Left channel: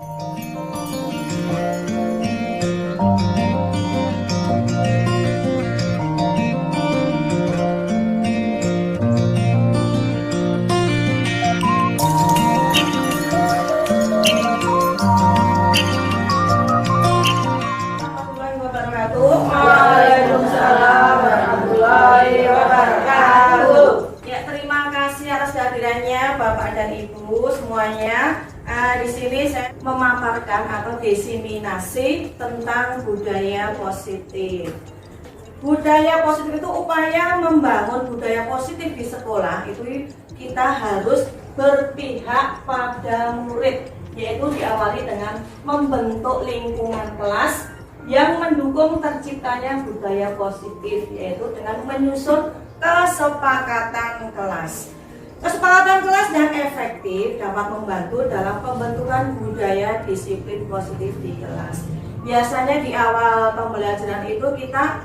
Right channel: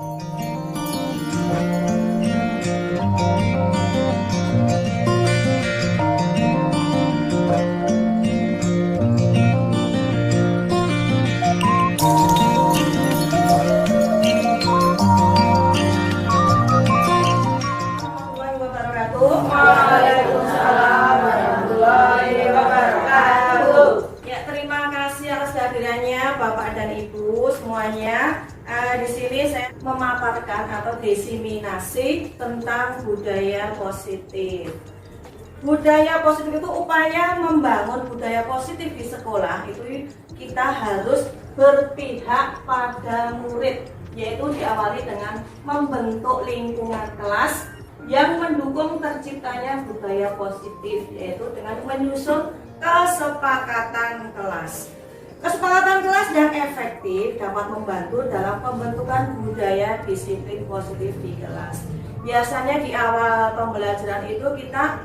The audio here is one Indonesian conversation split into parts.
Waalaikumsalam warahmatullahi wabarakatuh. Ya, terima kasih atas kehadirannya Bapak dan Ibu semuanya. Di sini saya memaparkan atau diseminasi tentang budaya positif. Budaya positif itu upaya membangun budaya positif di sekolah. Itu kita harus berpihak pada murid, yaitu diawali dengan membentuk lingkungan kelas yang mendukung terciptanya budaya positif, yaitu dengan menyusun kesepakatan kelas. Kesepakatan kelas yang efektif dapat membantu dalam pembentukan budaya disiplin positif di kelas. Biasanya di awal pembelajaran itu kita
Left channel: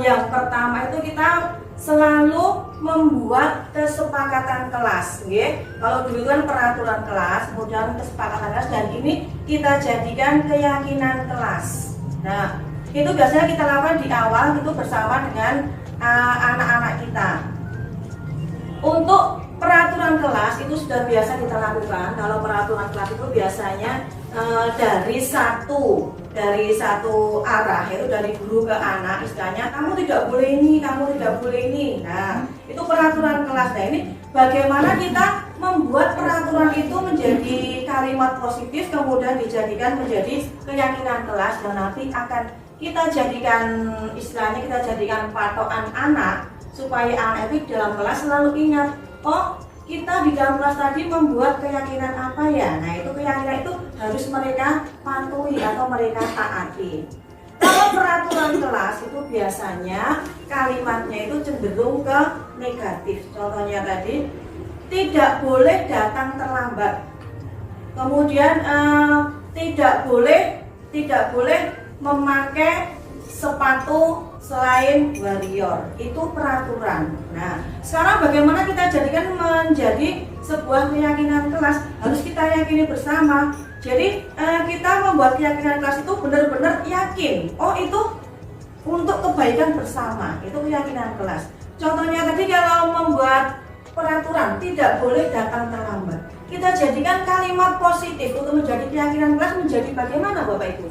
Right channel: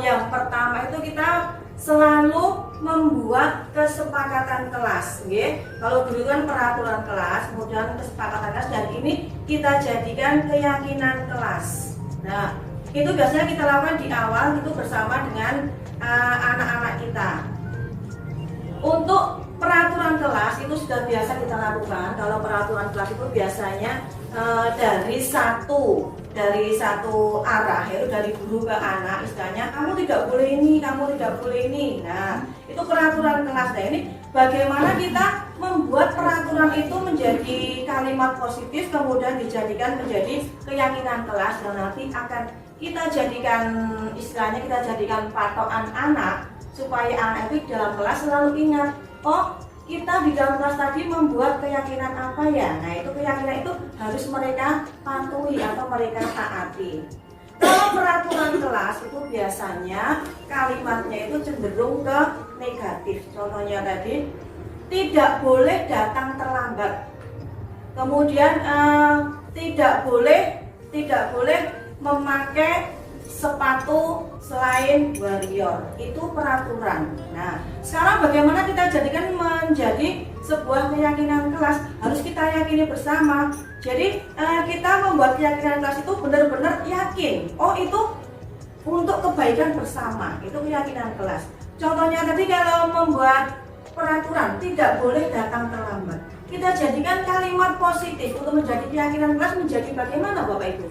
yang pertama itu kita selalu membuat kesepakatan kelas, okay? Kalau dulu kan peraturan kelas, kemudian kesepakatan kelas, dan ini kita jadikan keyakinan kelas. Nah, itu biasanya kita lakukan di awal itu bersama dengan anak-anak kita. Untuk peraturan kelas itu sudah biasa kita lakukan. Kalau peraturan kelas itu biasanya dari satu arah, yaitu dari guru ke anak, istilahnya kamu tidak boleh ini, kamu tidak boleh ini. Nah, itu peraturan kelas. Nah, ini bagaimana kita membuat peraturan itu menjadi kalimat positif, kemudian dijadikan menjadi keyakinan kelas, dan nanti akan kita jadikan, istilahnya kita jadikan patokan anak, supaya anak itu dalam kelas selalu ingat, oh kita di dalam kelas tadi membuat keyakinan apa ya. Nah, itu keyakinan itu harus mereka patuhi atau mereka taati. Kalau peraturan kelas itu biasanya kalimatnya itu cenderung ke negatif. Contohnya tadi, tidak boleh datang terlambat. Kemudian tidak boleh memakai sepatu selain warrior. Itu peraturan. Nah, sekarang bagaimana kita jadikan menjadi sebuah keyakinan kelas? Harus kita yakini bersama. Jadi kita membuat keyakinan kelas itu benar-benar yakin. Oh, itu untuk kebaikan bersama. Itu keyakinan kelas. Contohnya tadi kalau membuat peraturan tidak boleh datang terlambat, kita jadikan kalimat positif untuk menjadi keyakinan kelas menjadi bagaimana Bapak Ibu?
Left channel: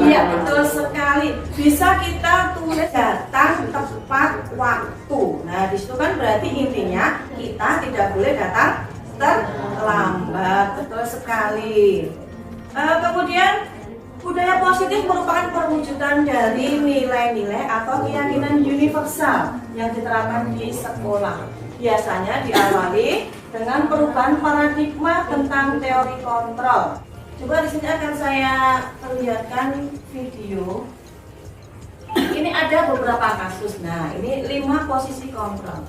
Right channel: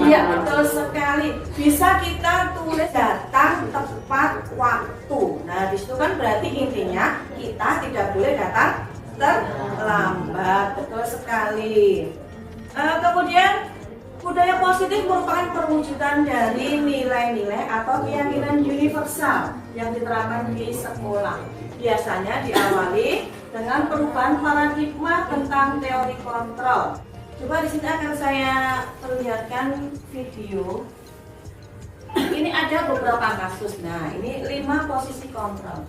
Iya, betul sekali. Bisa kita tulis datang tepat waktu. Nah, disitu kan berarti intinya kita tidak boleh datang terlambat. Betul sekali. Kemudian budaya positif merupakan perwujudan dari nilai-nilai atau keyakinan universal yang diterapkan di sekolah. Biasanya diawali dengan perubahan paradigma tentang teori kontrol. Coba di sini akan saya perlihatkan video. Ini ada beberapa kasus. Nah, ini 5 posisi kontrol.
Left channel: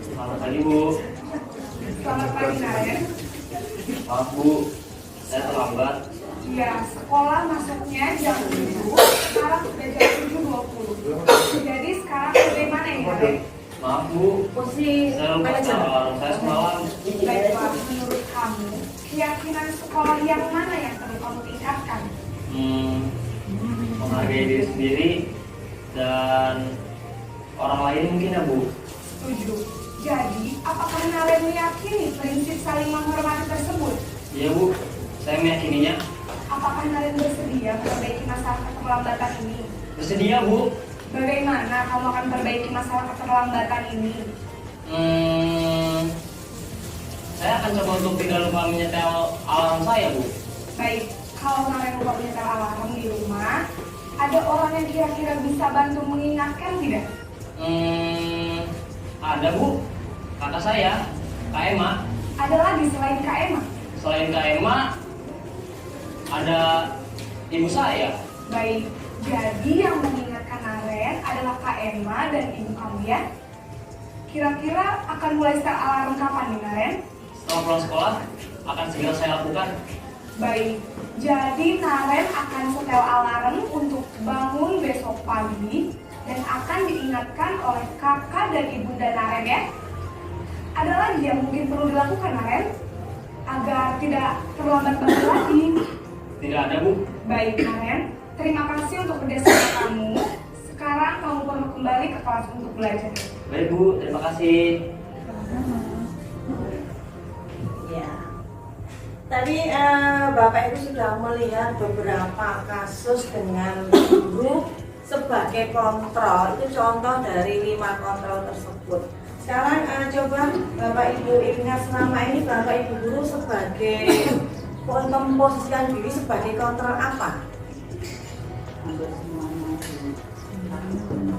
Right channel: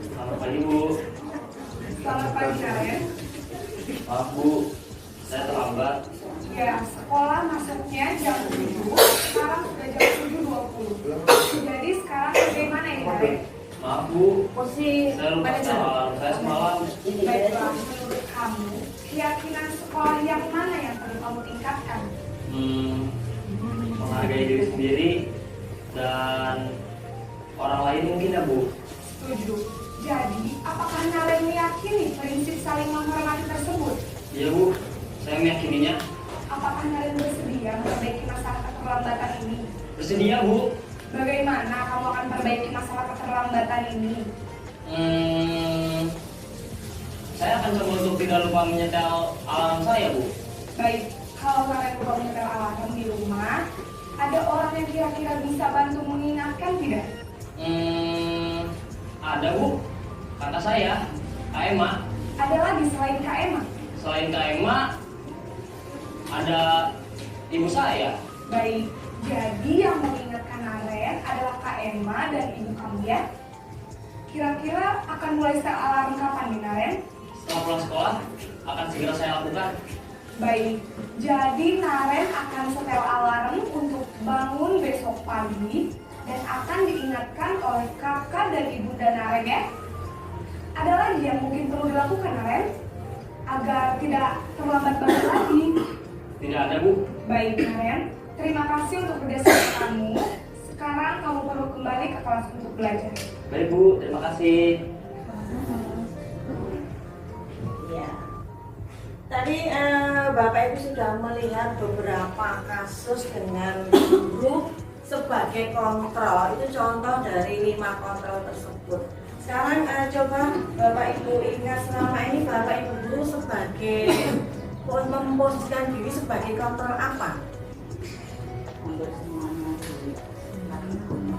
Selamat pagi Bu. Selamat pagi Naren. Maaf Bu, saya terlambat. Ya, sekolah masuknya jam 7, sekarang sudah jam 7.20. Jadi sekarang bagaimana ini Naren? Maaf Bu, Posisi saya lupa alarm saya semalam. Baiklah, menurut kamu, keyakinan sekolah yang mana yang perlu kamu tingkatkan? Menghargai diri sendiri dan orang lain mungkin ya Bu. Setuju. Jadi, apakah Naren meyakini prinsip saling menghormati tersebut? Iya Bu, saya meyakininya. Apakah Naren bersedia memperbaiki masalah keterlambatan ini? Bersedia Bu. Bagaimana kamu akan memperbaiki masalah keterlambatan ini? Saya akan coba untuk tidak lupa menyetel alarm saya Bu. Baik, kalau Naren lupa menyetel alarm di rumah, ada orang yang kira-kira bisa bantu mengingatkan tidak? Ada Bu, kakak saya, Kak Emma. Ada lagi selain Kak Emma? Selain Kak Emma, ada ibu saya. Baik, jadi yang mengingatkan Naren adalah Kak Emma dan ibu kamu ya? Kira-kira akan mulai setel alarm kapan nih Naren? Setelah pulang sekolah, akan segera saya lakukan. Baik, jadi Naren akan setel alarm untuk bangun besok pagi dan akan diingatkan oleh kakak dan ibunda Naren ya. Ada lagi yang mungkin perlu dilakukan Naren agar tidak terlambat banget lagi? Tidak ada, Bu. Baik Naren, terima kasih untuk kerjasama kamu. Sekarang kamu perlu kembali ke kelas untuk belajar. Baik, Bu. Terima kasih. Ya. Tadi Bapak Ibu sudah melihat beberapa kasus dengan guru sebagai kontrol. Itu contoh dari 5 kontrol tersebut. Sekarang coba Bapak Ibu ingat selama ini Bapak Ibu guru sebagai memposisikan diri sebagai kontrol apa?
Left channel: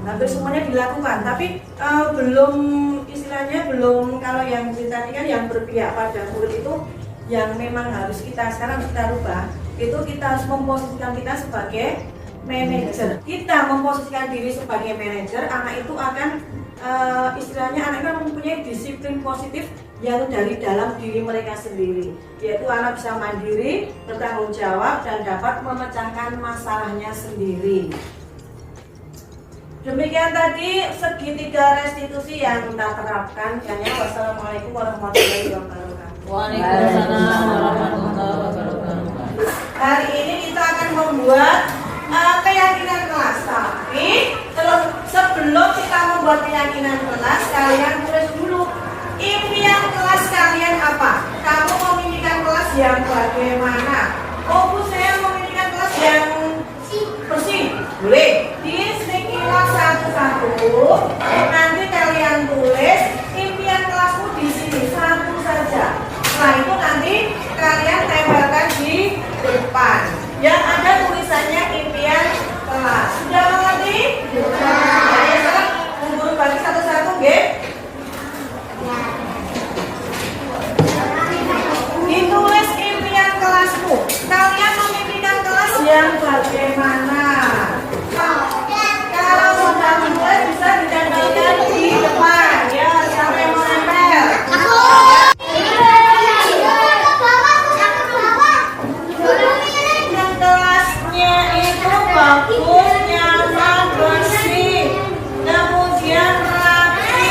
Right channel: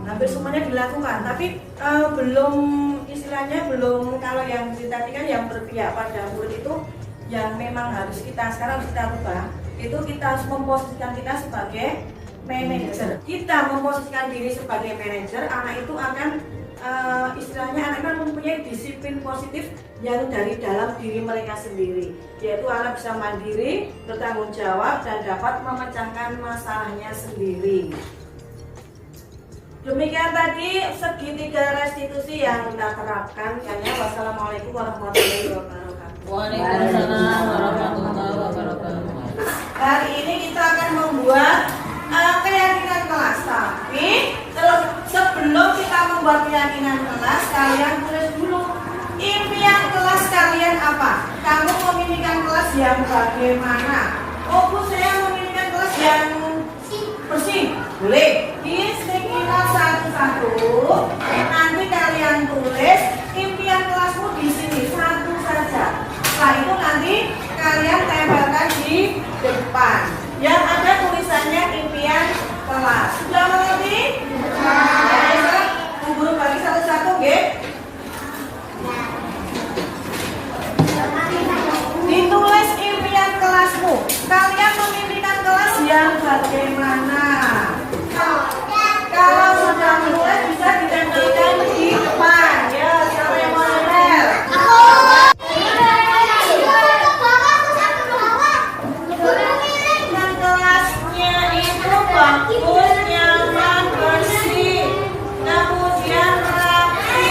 Hampir semuanya dilakukan, tapi belum istilahnya belum, kalau yang tadi kan yang berpihak pada murid itu yang memang harus kita sekarang kita rubah, itu kita harus memposisikan kita sebagai manajer. Kita memposisikan diri sebagai manajer, anak itu akan istilahnya anak kan mempunyai disiplin positif yang dari dalam diri mereka sendiri, yaitu anak bisa mandiri, bertanggung jawab dan dapat memecahkan masalahnya sendiri. Demikian tadi segitiga restitusi yang kita terapkan. Wassalamualaikum warahmatullahi wabarakatuh. Waalaikumsalam warahmatullahi wabarakatuh. Hari ini kita akan membuat keyakinan kelas. Tapi terus sebelum kita membuat keyakinan kelas, kalian tulis dulu impian kelas kalian apa? Kamu memimpikan kelas yang bagaimana? Oh Bu, saya memimpikan kelas yang bersih. Boleh. Disimpulkan satu-satu. Nanti kalian tulis impian kelasmu di sini satu saja. Setelah itu nanti kalian tempelkan di depan. Yang ada tulisannya impian kelas. Sudah mengerti? Ya, sekarang guru bagi satu-satu, nggih. Ditulis impian kelasmu. Kalian memimpikan kelas yang bagaimana? Kalau sudah mulai bisa ditempelkan di depan. Ya, siapa yang mau nempel? Yang kelasnya itu bagus, nyaman, bersih, kemudian rapi,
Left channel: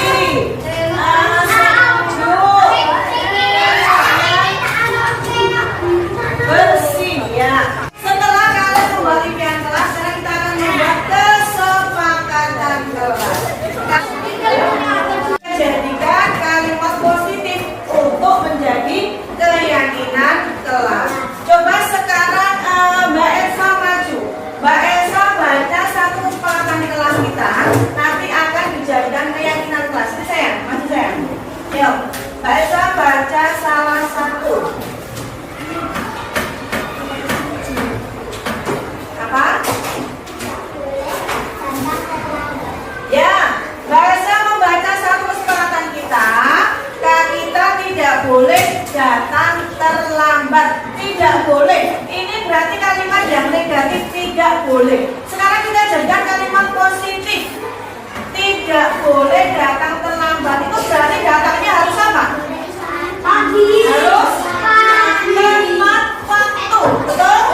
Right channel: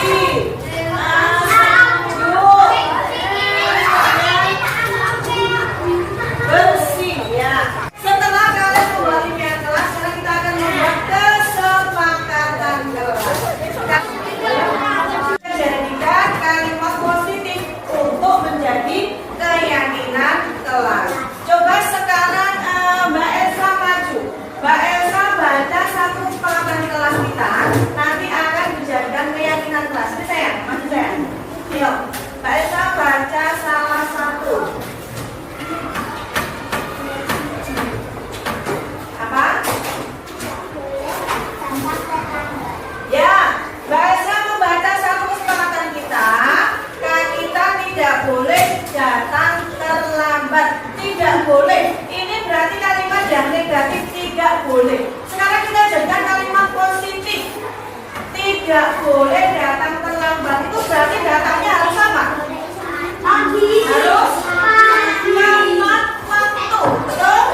sejuk, bersih ya. Setelah kalian membuat impian kelas, sekarang kita akan membuat kesepakatan kelas. Jadikan kalimat positif untuk menjadi keyakinan kelas. Coba sekarang Mbak Elsa maju. Mbak Elsa baca satu kesepakatan kelas kita, nanti akan dijadikan keyakinan kelas. Ini saya, masih saya. Yuk, Mbak Elsa baca salah satu. Apa? Ya, Mbak Elsa membaca satu kesepakatan kita. Kita tidak boleh datang terlambat. Tidak boleh. Ini berarti kalimat yang negatif, tidak boleh. Sekarang kita jadikan kalimat positif. Tidak boleh datang terlambat. Itu berarti datangnya harus apa? Harus tepat waktu. Betul?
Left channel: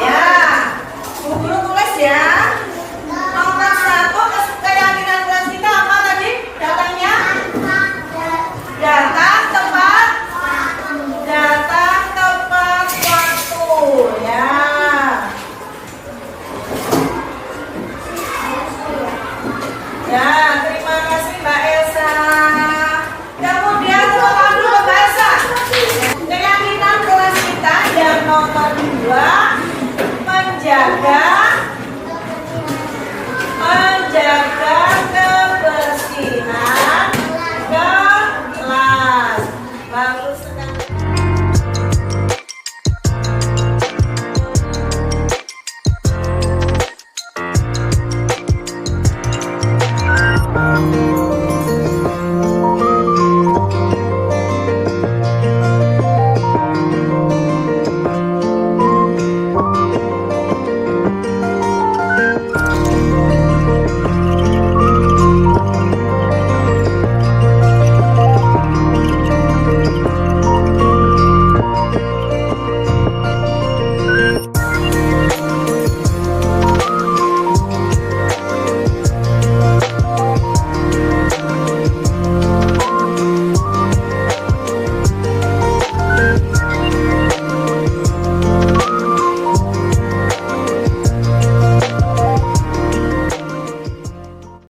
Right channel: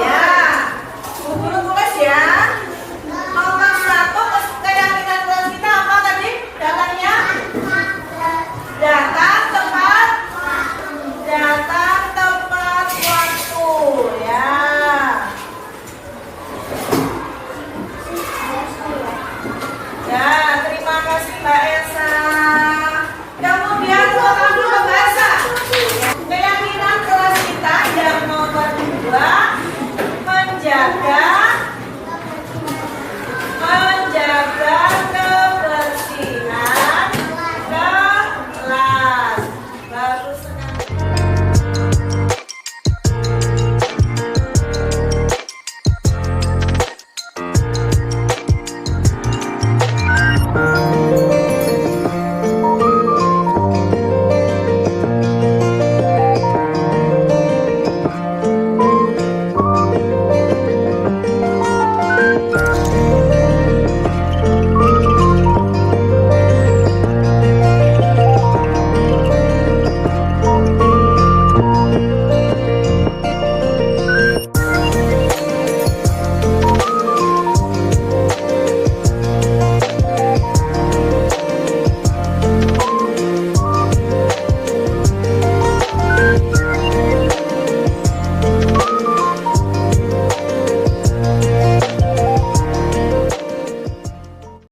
Ya. Guru tulis ya. Nomor 1 keyakinan kelas kita apa tadi? Datangnya? Datang tepat waktu ya. Ya, terima kasih Mbak